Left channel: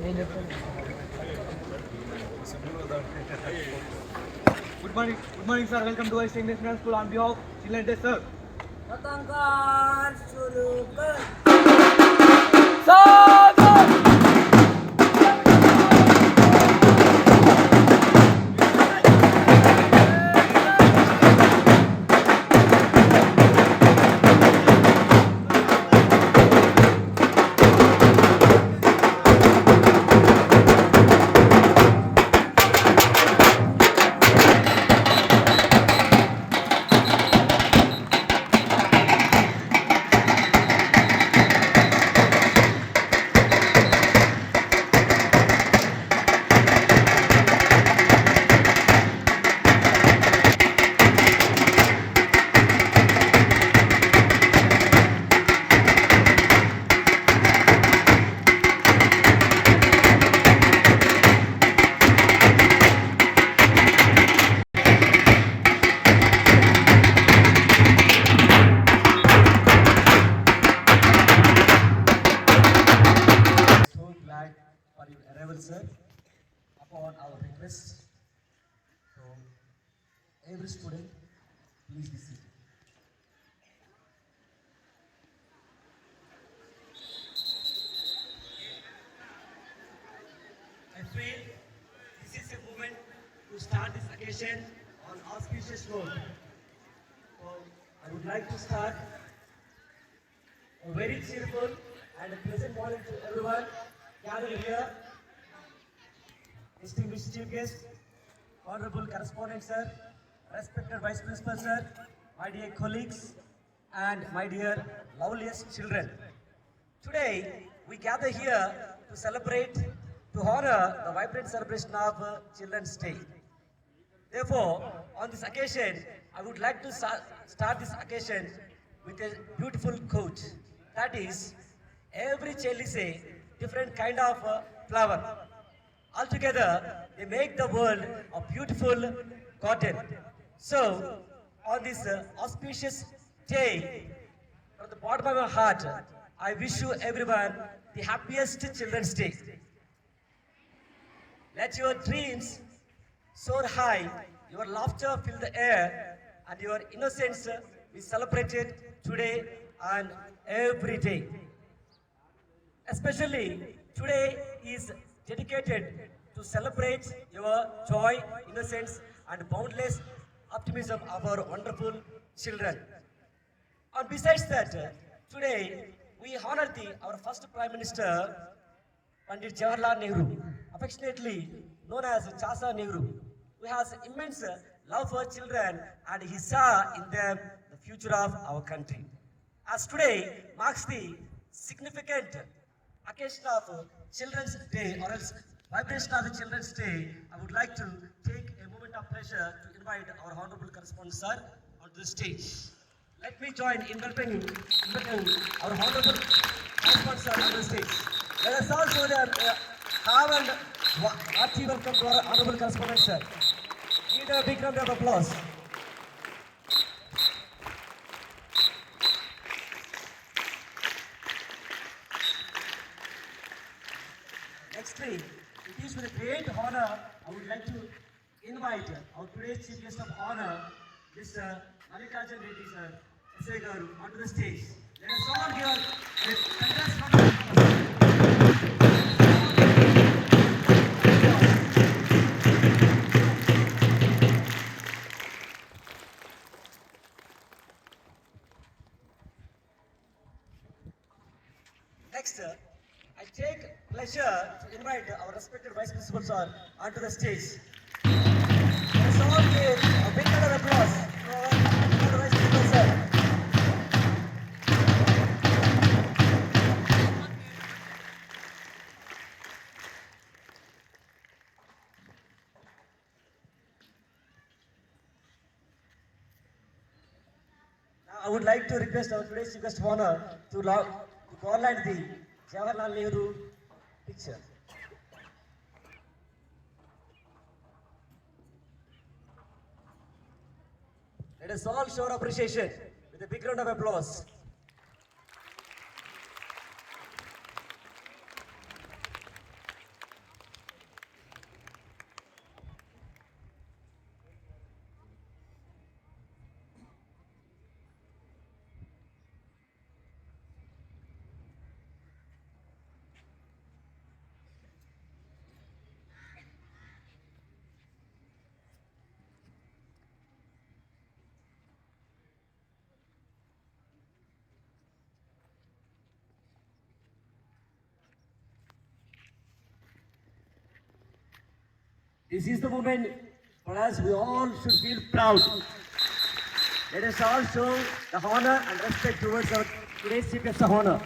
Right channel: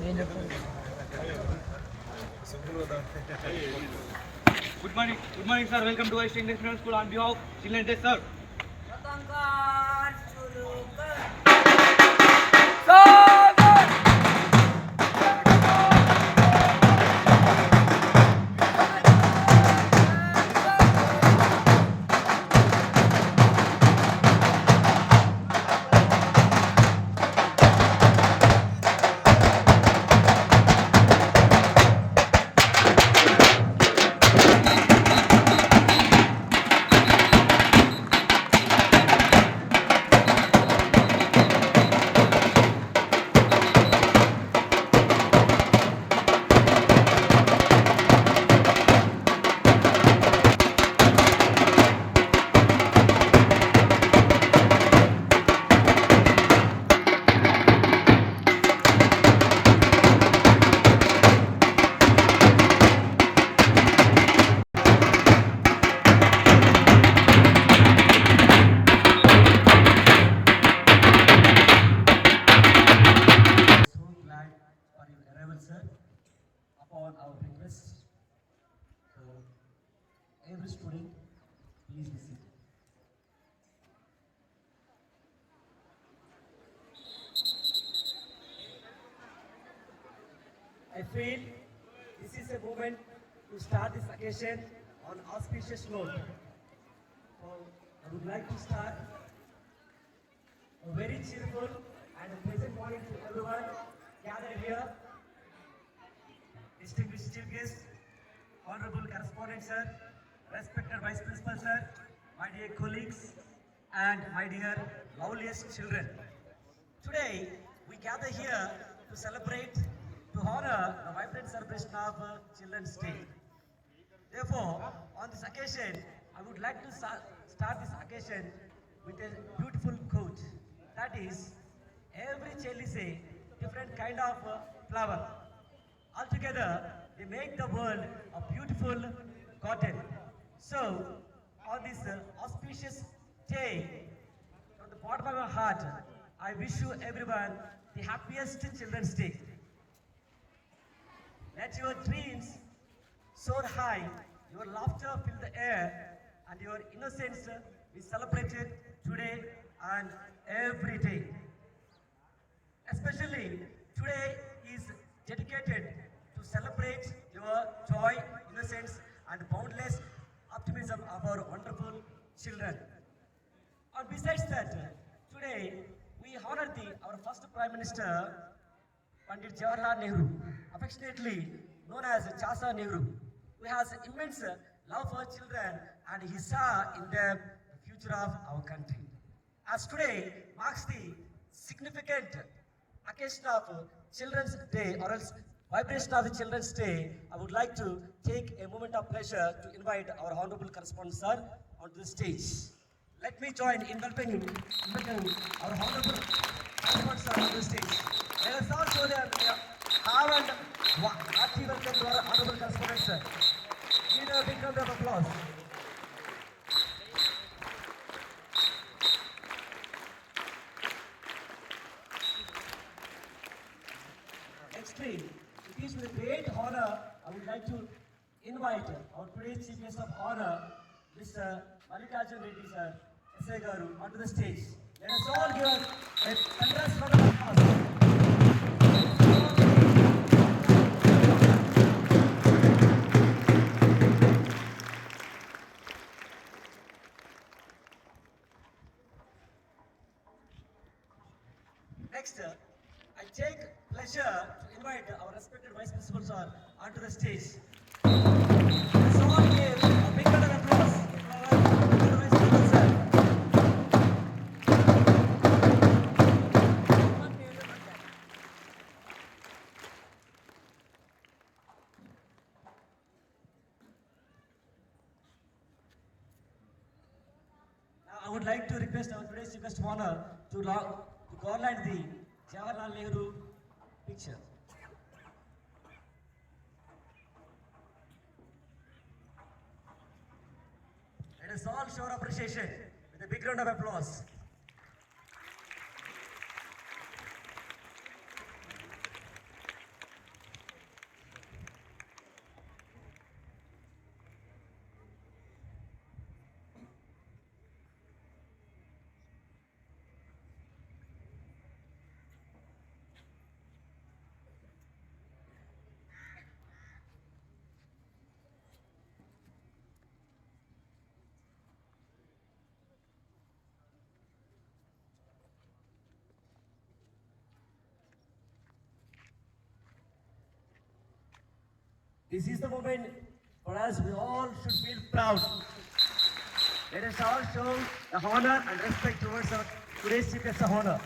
Good morning, sir. Welcome to West English Medium School. On behalf of Children's Day, sir. Sir, upon our request. So, every student, please be seated. I feel this is a moment to start this occasion on auspicious note. So, I would like to start a very cheerful and a pleasant morning to everyone gathered here. Distinguished Chief Guest, Honorable Correspondent Sir, respected Vice Principal Sir, my dear colleagues, and my dear loveliest children. Today, we gather here to celebrate, to honor the vibrant celebration of Children's Day. Therefore, on this occasion, I would like to start this occasion with a beautiful quote. That is, every child is a different kind of flower. Altogether, they make the world a beautiful garden. So, on this auspicious day, from the bottom of my heart, I wish you everyone the happiest Children's Day. Let your dreams soar high, your laughter fill the air, and your innocence be celebrated today and every day. Especially today is dedicated to celebrate your joy, innocence, and boundless optimism of our wonderful children. And besides that, today we honor our first Prime Minister, Pandit Jawaharlal Nehru, affectionately known as Chasa Nehru, who has immense love for children and he saw in them the future of our country. As today marks the significant occasion of Children's Day, or else vibration of Children's Day, I would like to take a moment of pleasure to invite our Honorable Correspondent Sir onto the stage. Let me join in welcoming our Honorable Correspondent Sir onto the stage. Let us all show them calm and hearty welcome to our Honorable Correspondent Sir. Give them a big round of applause. Nextly, it is with a great honor I would like to invite our today's Chief Guest of Honor, Mr. Mallikarjun Reddy Sir, S.A. Garu, onto the stage. Let us all give a congrats round of applause. Next, I take pleasure to invite our respected Vice Principal Sir onto the stage. Let's all give a big round of applause for our Vice Principal Sir. Now, I would like to request our today's Chief Guest of Honor to garland the Jawaharlal Nehru picture. Let us all show our appreciation with a big round of applause. This is the moment for us. We all should feel proud. Let us all show the honor and respect towards our today's chief guest of honor.